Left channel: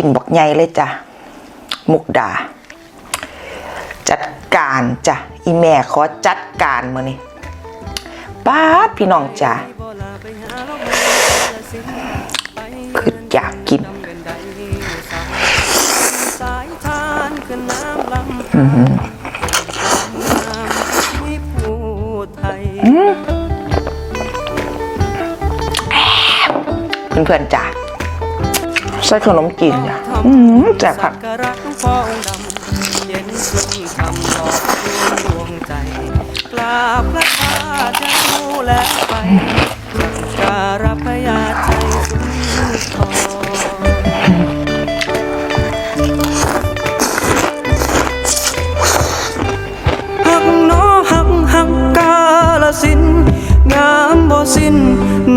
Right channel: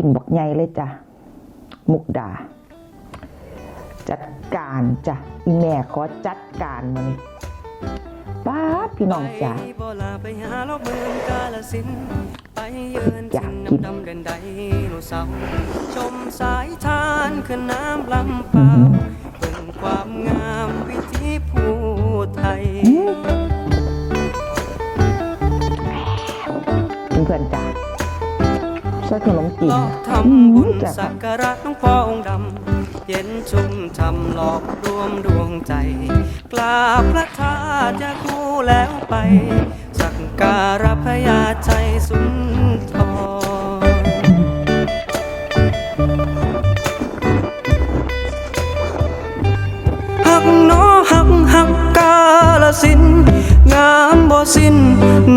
ชิ้นบักใหญ่เลยจ้ะ มุกดา จัดการจ้ะ อีแม่ขอจัดการมือนี่ป้าพี่น้องจ้ะคืออยากกินสายทานคือน้ำลำพาความงามที่ผู้ไทยเพื่อนๆจ้ะ ใส่ขนมจีนจ้ะทอืมำบุญแจ่บสัผักกการะหลวงพ่อองค์ดำเย็นชุ่มทำหลอกรวมดวงใจกราบพระธาตุยาคูแล้วไปสักการะพญาใจสุนทรหักหนอหักหักกาลสิน งามบ่สิ้น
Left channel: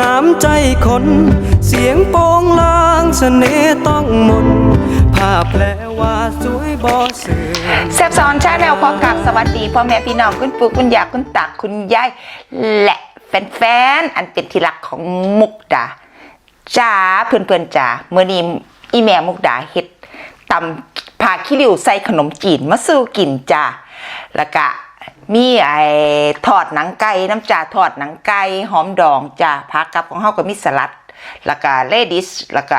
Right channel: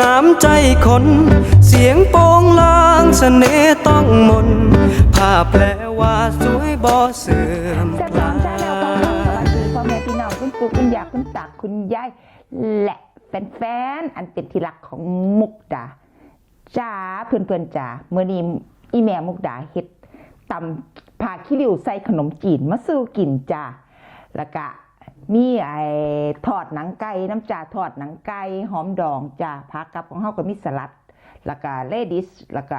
น้ำใจคน เสียงโปงลางเสน่ห์ต้องมน ภาพแปลว่าสวยบ่เสื่อม แซบซ้อนชาแนลพร้อมกับสวัสดีพ่อแม่พี่น้องคุณปู่คุณย่าคุณตาคุณยายและแฟนๆ อันเป็นที่รักของมุกดาจ้าเพื่อนๆจ้าเมื่อนี้อีแม่มุกดาเฮ็ดตำผาขี้ริ้วใส่ขนมจีนมาสู่กินจ้าแล้วก็มีไอ้ทอดหนังไก่น้ำจ่าทอดหนังไก่หอมดองจ้าผักกับของเฮาก็มีสลัด แล้วก็เลดิสแล้วก็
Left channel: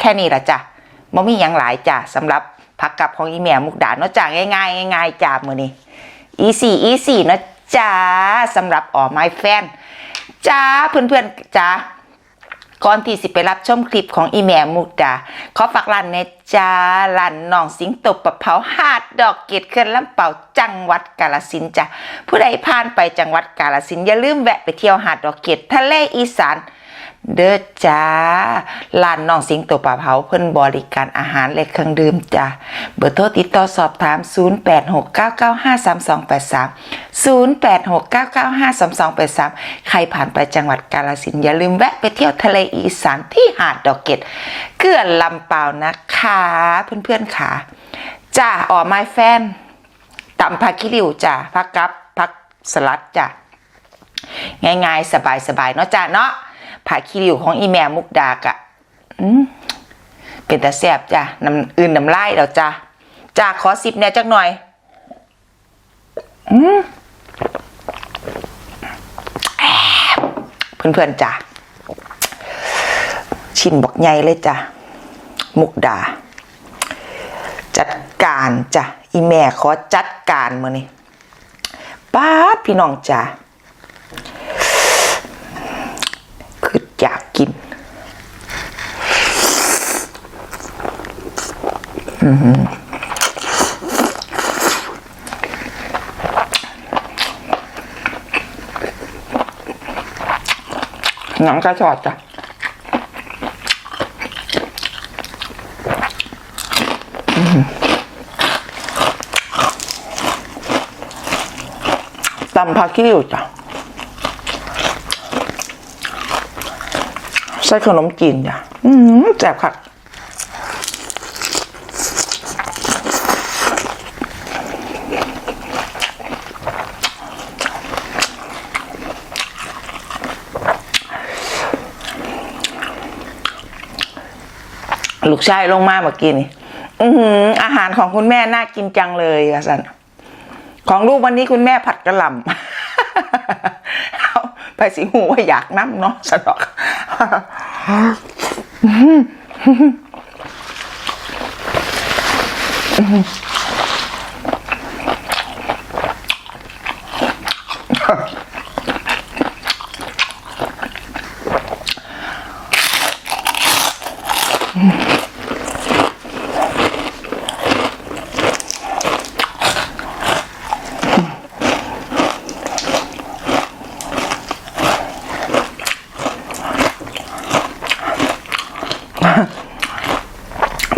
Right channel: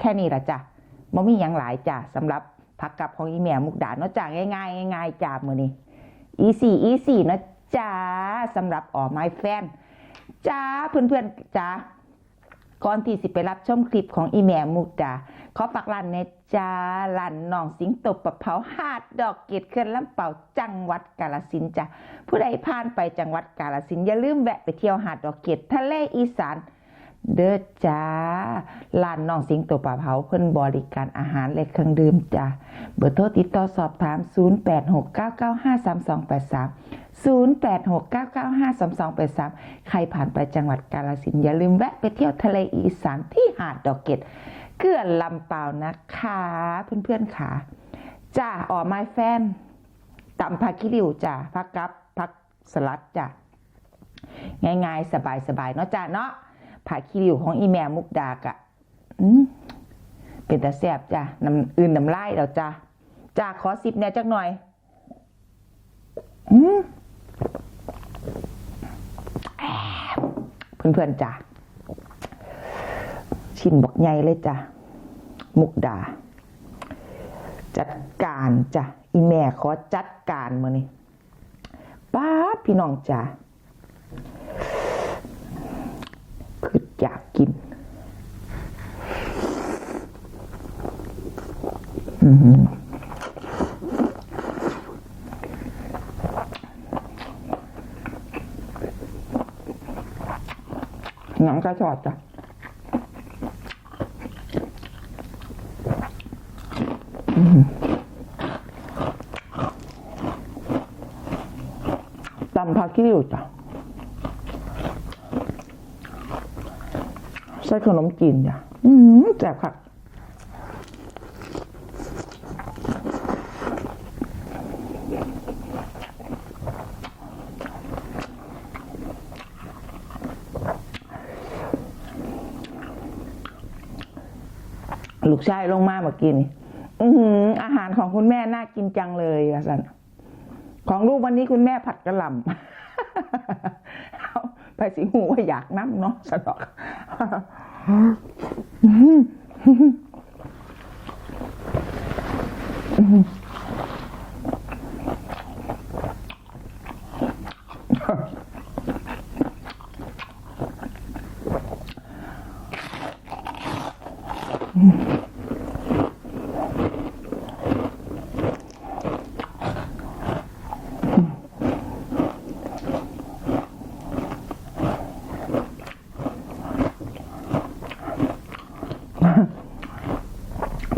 แค่นี้ละจ้ะบ่มีหยังหลายจ้ะสำหรับผักกับของอีแม่มุกดาเนาะจ้ะง่ายๆง่ายจ้ามือนี้ easy easy เนาะจ้าสำหรับออไม้แฟนจ้าเพื่อนๆจ้าก่อนที่สิไปรับชมคลิปของอีแม่มุกดาขอฝากร้านเนจ้าร้านน้องสิงโตปะเผาหาดดอกเกดเคลื่อนลำเป่าจังหวัดกาลสินจ้ะผู้ใดผ่านไปจังหวัดกาลสินอย่าลืมแวะไปเที่ยวหาดดอกเกดทะเลอีสาน เด้อจ้าร้านน้องสิงโตปะเผาเพิ่นบริการอาหารและเครื่องดื่มจ้าเบอร์โทรติดต่อสอบถาม 0869953283 0869953283 ใครผ่านไปจังหวัดกาฬสินอย่าลืมแวะไปเที่ยวทะเลอีสานที่หาดดอกเกดเกลือนลำเปล่านะคะเพื่อนๆค่ะจ้าอ๋อไม้แฟนตำผักขี้ริ้วจ้าผักกับผักสลัดจ้าง่ายๆ สบายๆเนาะจ้าเนาะ ผักขี้ริ้วของอีแม่มุกดากะเป็นตาแซบจ้ะน้ำอื่นน้ำลายแล้วจ้าจ้าขอสิบเนี่ยจักหน่อย อืมเพื่อนๆจ้าชิ้นบอกใหญ่เลยจ้ะมุกดา จัดการจ้ะอีแม่ขอจัดการมือนี่ป้าพี่น้องจ้า คืออยากกิน หนังกระชอดจ้ะตำผักขี้ริ้วจ้ะใส่ขนมจีนจ้ะแซ่บคัก ลูกชายลงมาเมื่อกี้นี่อือหืออาหารของคุณแม่น่ากินจังเลยอะสันของลูกวันนี้คุณแม่ผัดกระหล่ำไปสิหูว่าอยากน้ำเนาะสนอก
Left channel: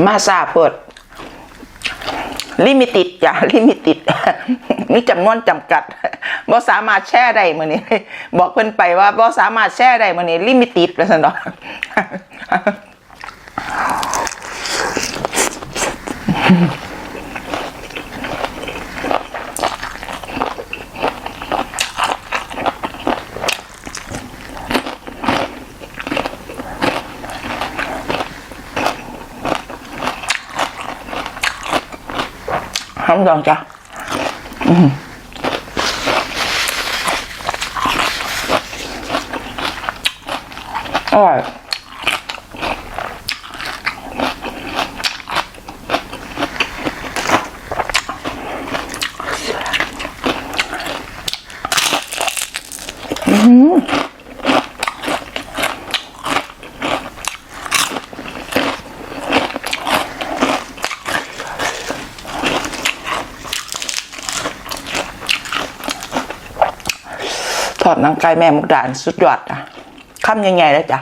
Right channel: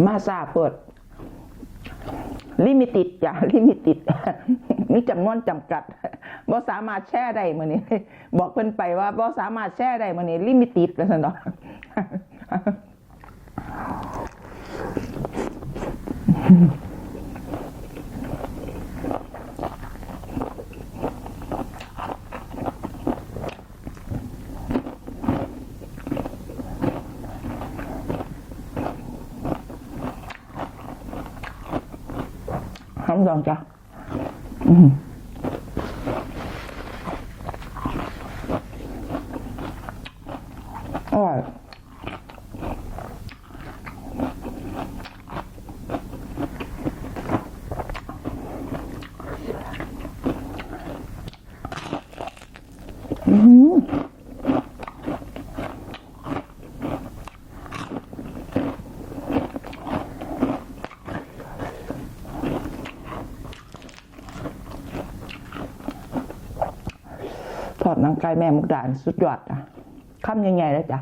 มาซาเปิด ลิมิติดจ้ะลิมิติดมีจำนวนจำกัดบ่สามารถแช่ได้มื้อนี้ บอกเพิ่นไปว่าบ่สามารถแช่ได้มื้อนี้ ลิมิติดว่าซั่นดอกอำดอง ทอดหนังไก่แม่มุกดาลสุดยอดอะคำใหญ่ๆแล้วจ้ะ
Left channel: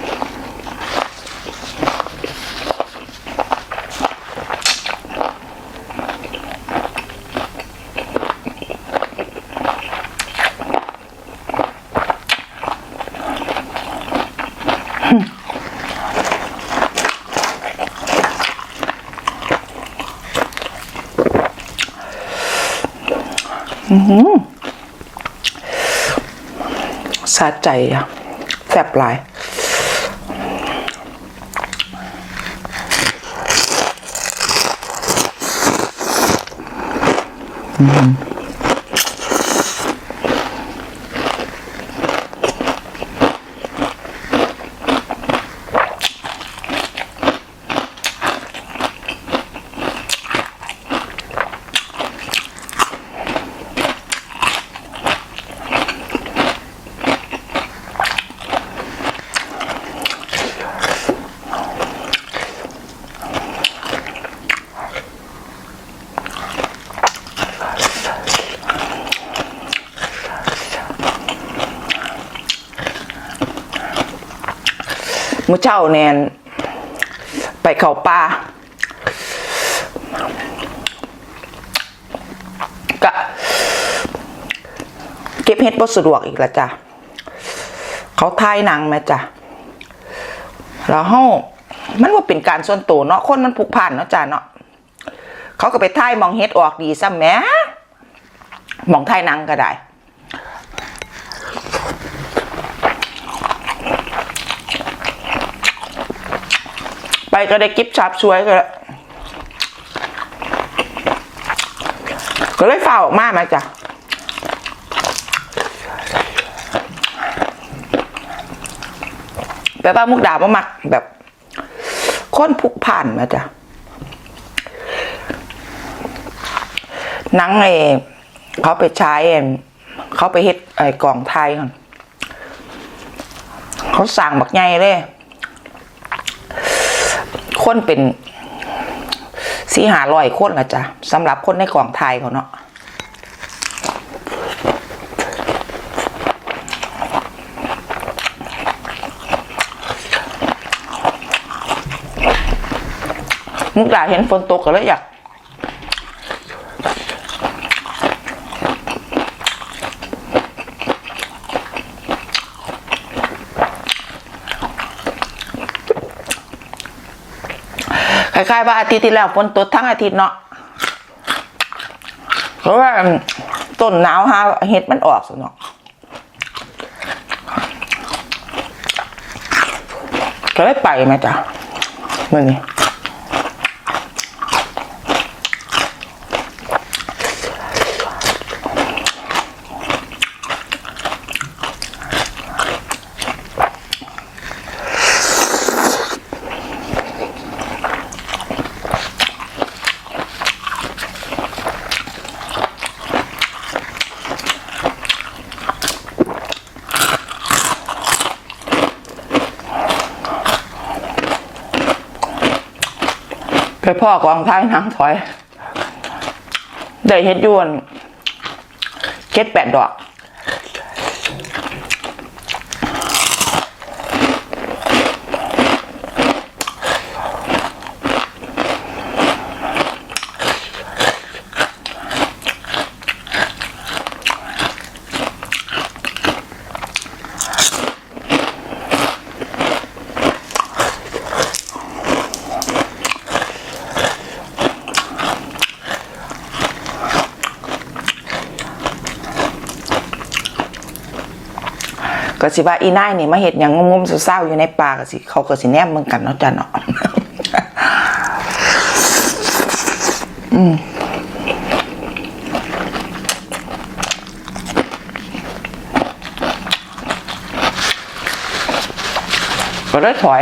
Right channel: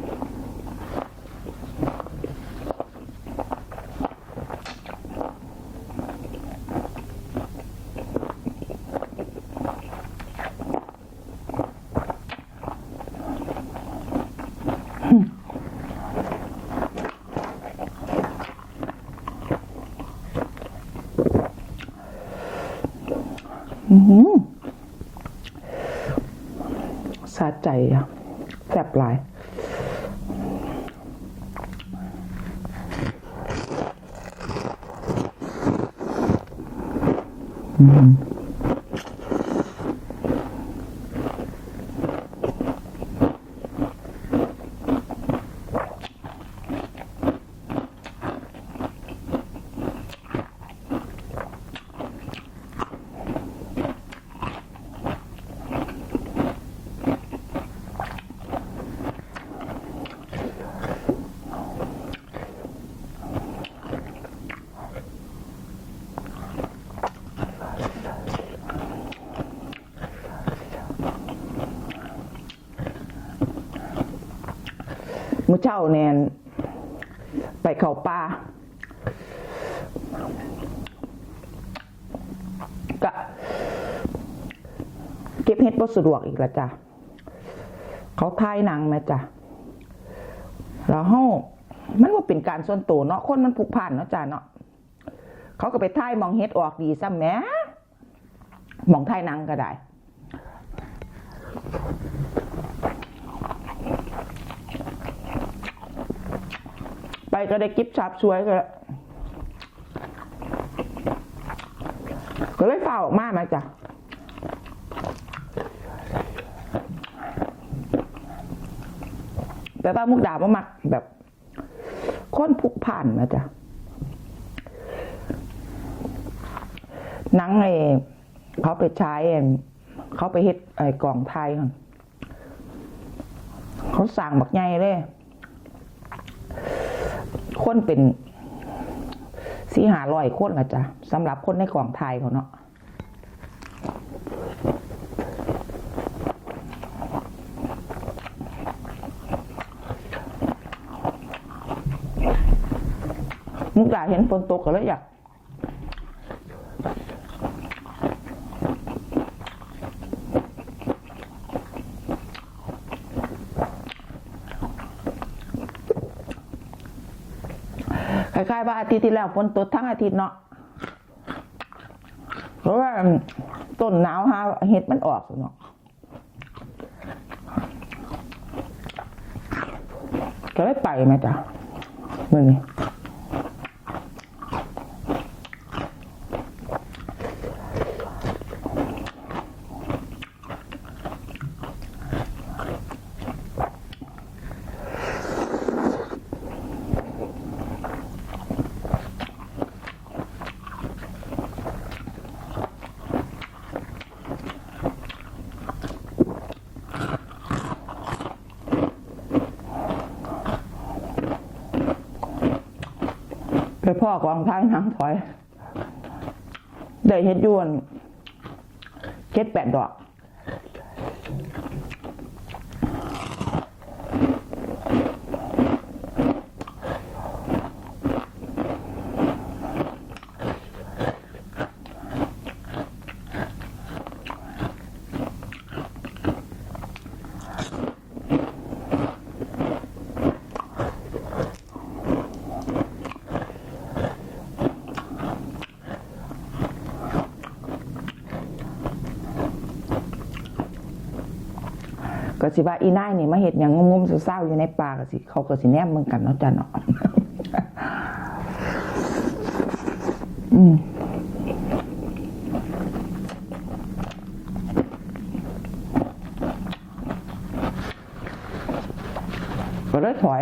สาใจอะแสบหลายอืม อเช้าแนนไปเขาป่าก็เก็บเฮ็ดบ่สะดวกอีกละจ้ะเขาถ่ายหนังแม่จ้ะแล้วเฮามันว่าเป็นการส่วนตัวเนาะคนมันผูกพันเนาะจ้ะเนาะเขาก็ไปถ่ายมองเฮ็ดออกดีซ้ำแมหมองถ่ายหนังก็ได้ ไปก็ได้กิฟชับช่วยก็แล้วก็เลยฝ่าออกมามาจ้ะแต่ว่ามุกดาบ่มักแบบค้นผูกผ่านมาจ้ะนังไอ้เขาไปใช้เขาไปเฮ็ดไอ้กล่องไทยก่อนเขาสั่งบักใหญ่เลย คนเป็นสี่หาร้อยคนละจ้ะสำหรับคนในกล่องไทยเขาเนาะมุกดาเห็นฝนตกก็เลยอยาก ค ล้ายๆว่าอาทิตย์ที่แล้วฝนตกทั้งอาทิตย์เนาะเพราะว่าต้นหนาวฮะเห็ดมันออกสิเนาะก็ได้ไปไหมจ๊ะมื่อนี้ พ่อกองท้ายนางถอย ได้เฮ็ดยวนเก็ดแปดดอก สิว่าอีน่ายนี่มาเห็ดอยังงมๆเศร้าๆอยู่ในป่าก็สิ เขาก็สิแนมมึงกันเนาะจ้ะเนาะอืมก็ได้ถอย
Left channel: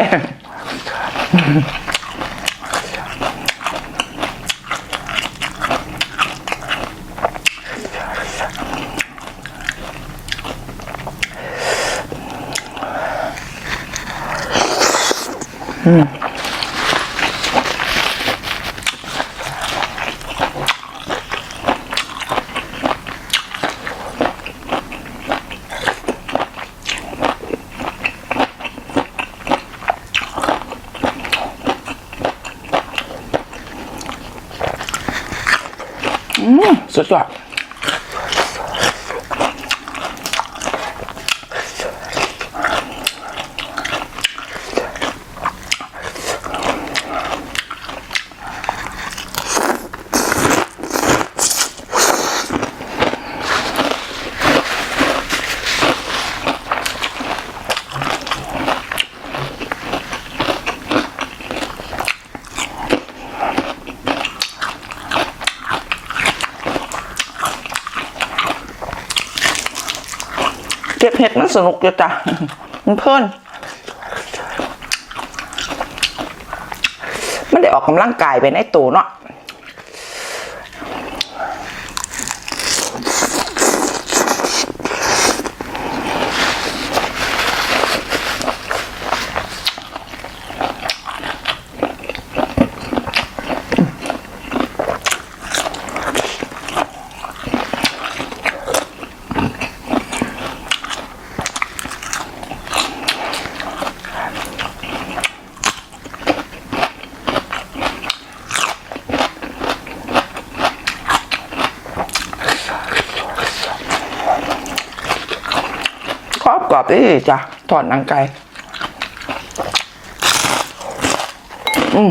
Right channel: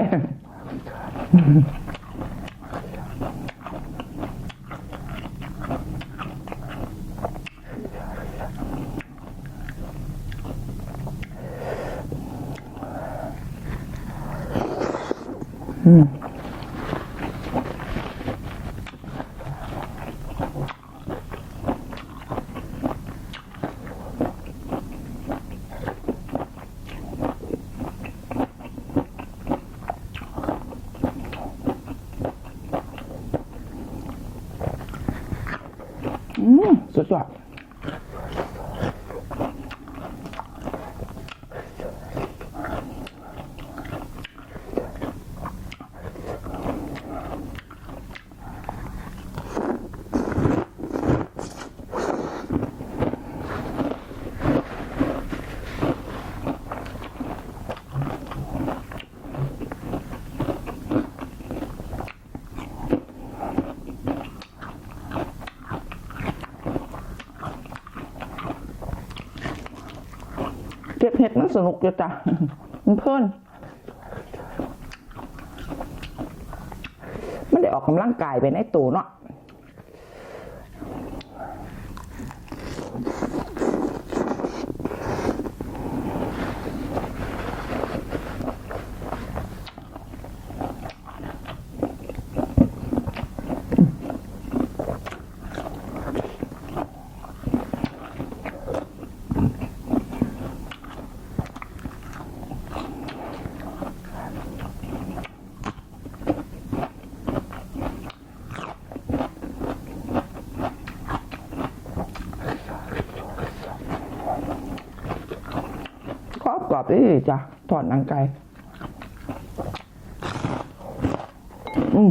สุดยอด เก็บเห็ดมันสนุกจ้ะมันเพลินมันได้ออกกำลังกายไปในตัวเนาะ กรอบกรอจ้ะถอดหนังไก่อืม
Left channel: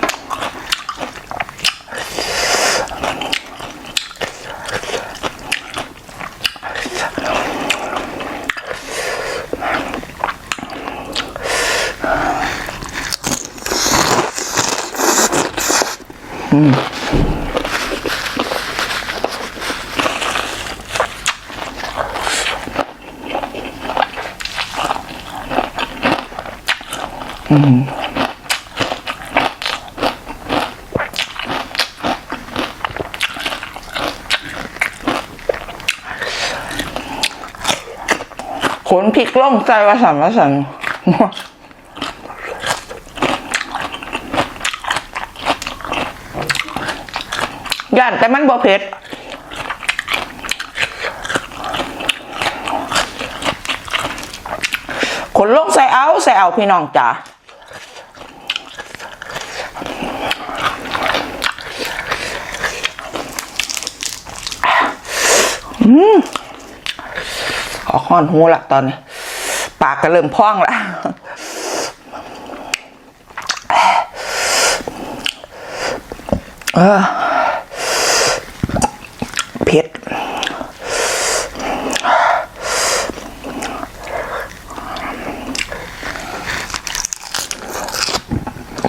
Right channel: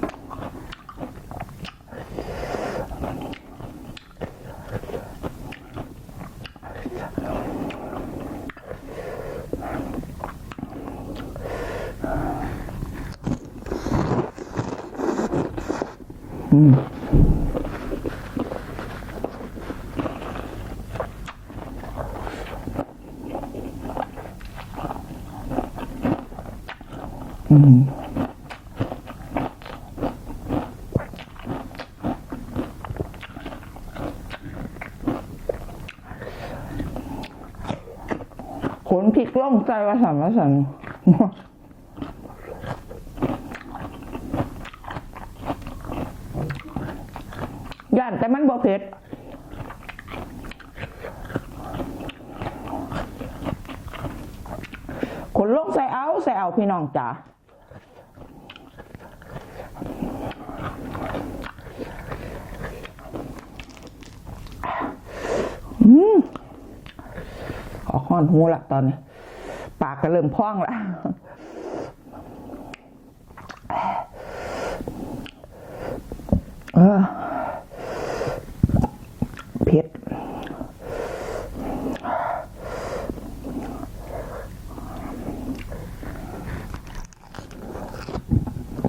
ขนพ ริกล่องใจวาสันวาสันย่านแต่มันบ่เผ็ดขนลงใส่เอาใส่เอาพี่น้องจ๋า ออกห้อนหูละตอนนี้ ปากก็เริ่มพองละเออเผ็ด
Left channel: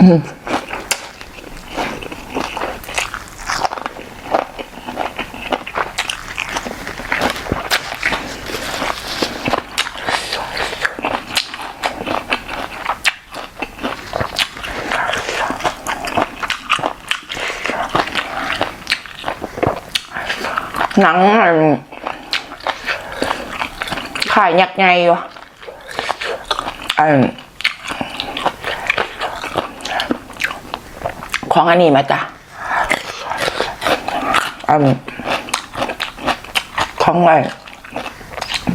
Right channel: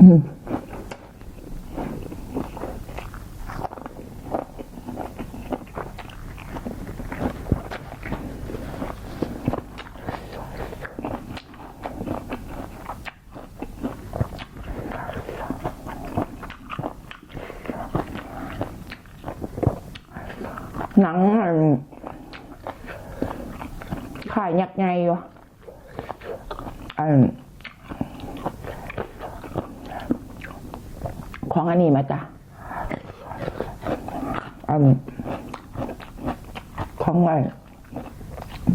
อ หนังอันขายยักไงวะอันของอันนี้มาจ้ะอันของอะไร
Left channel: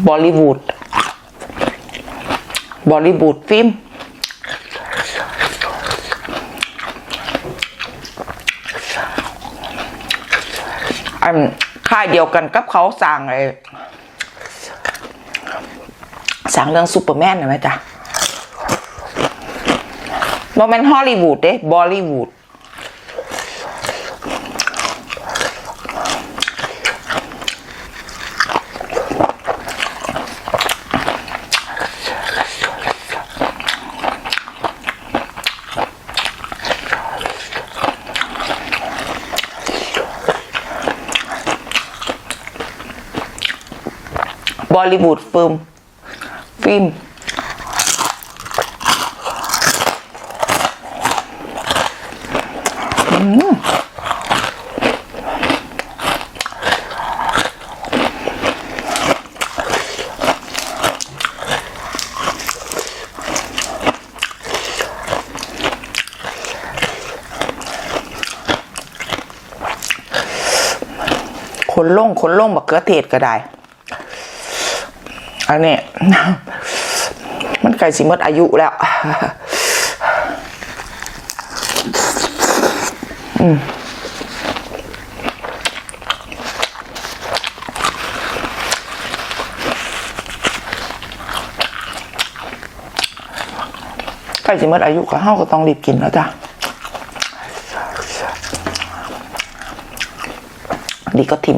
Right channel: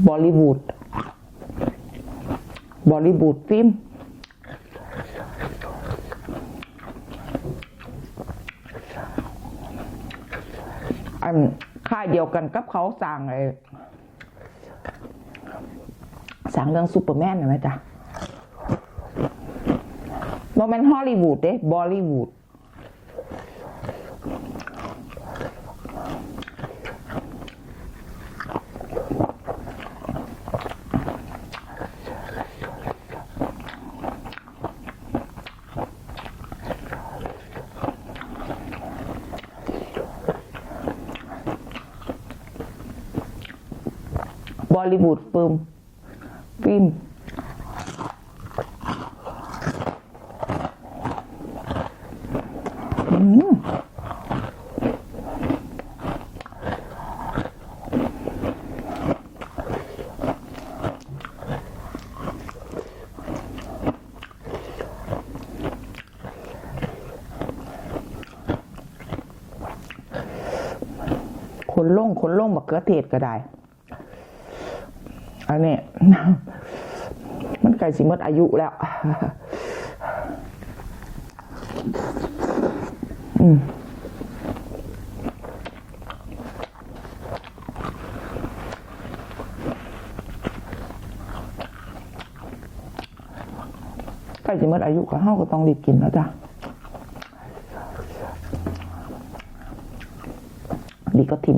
บอลลีวูดบอลลีวูดฟิล์มอัน ค่ายเดียวกันกับเขาสั่งไอ้สั่งเรื่องซูเปอร์แมนนะแม่จ้ะโมเมนต์ฮอลลีวูดเด้บอลลีวูด ลลีวูดฟิล์มฟิล์มอืมคนล่งคนล่งบักเกือเทศก็ได้ อันนี้มันไก่สิมดอายุแล้ว อืมไก่สิหมดอายุก็เฮาก็ต้องรีบกินแล้วจ้ะดีก็ทิม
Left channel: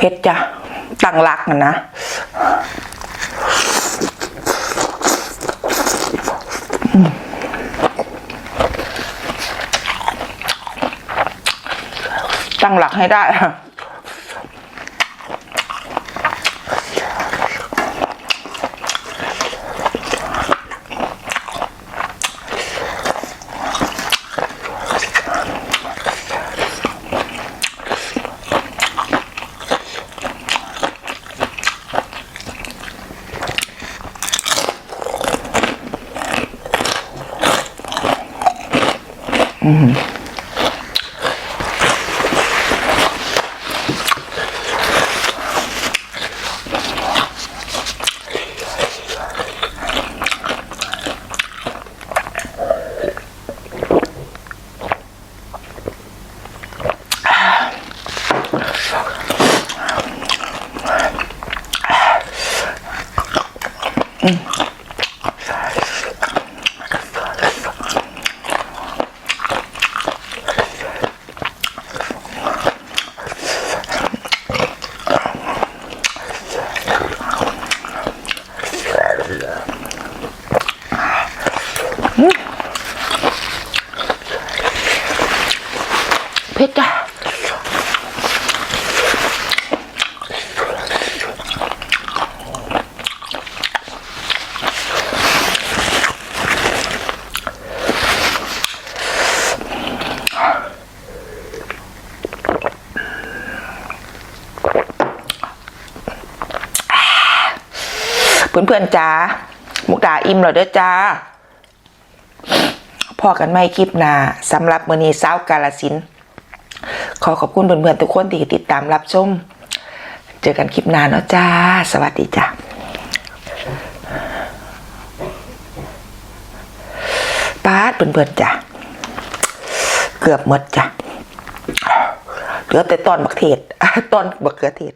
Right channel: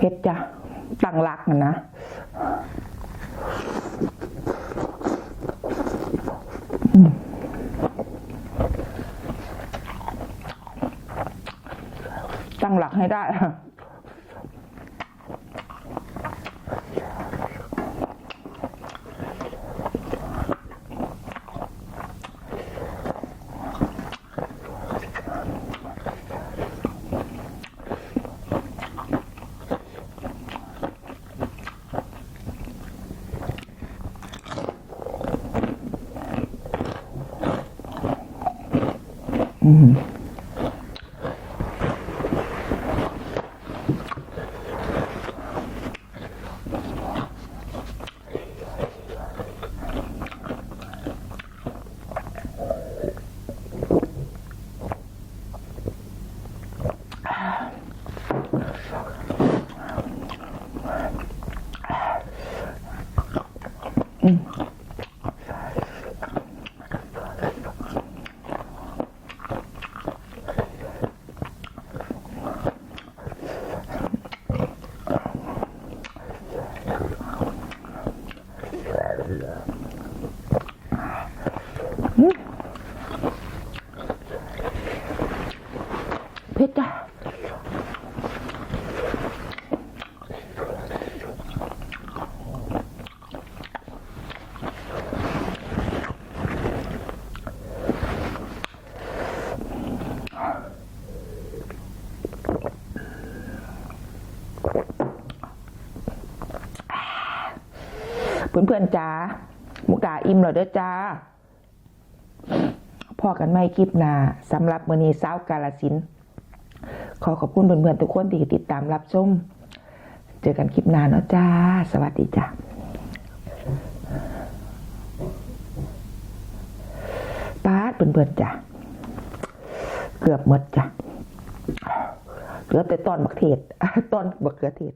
เพชรจ้ะตั้ง รักนนะ ตั้งหลักให้ได้ เเพื่อนๆจ้ามุกดาอิ่มแล้วเด้อจ้าพอกันไม่คลิปหนาสำหรับมือนีเศร้ากาลสิน ขอขอบคุณเพื่อนๆทุกคนที่ติดตามรับชม เจอกันคลิปหน้าเนาะจ้า สวัสดีจ้าป้าดเพื่อนๆจ้าเกือบหมดจ้ะเหลือแต่ตอนบักเทศตอนบักเขือเทศ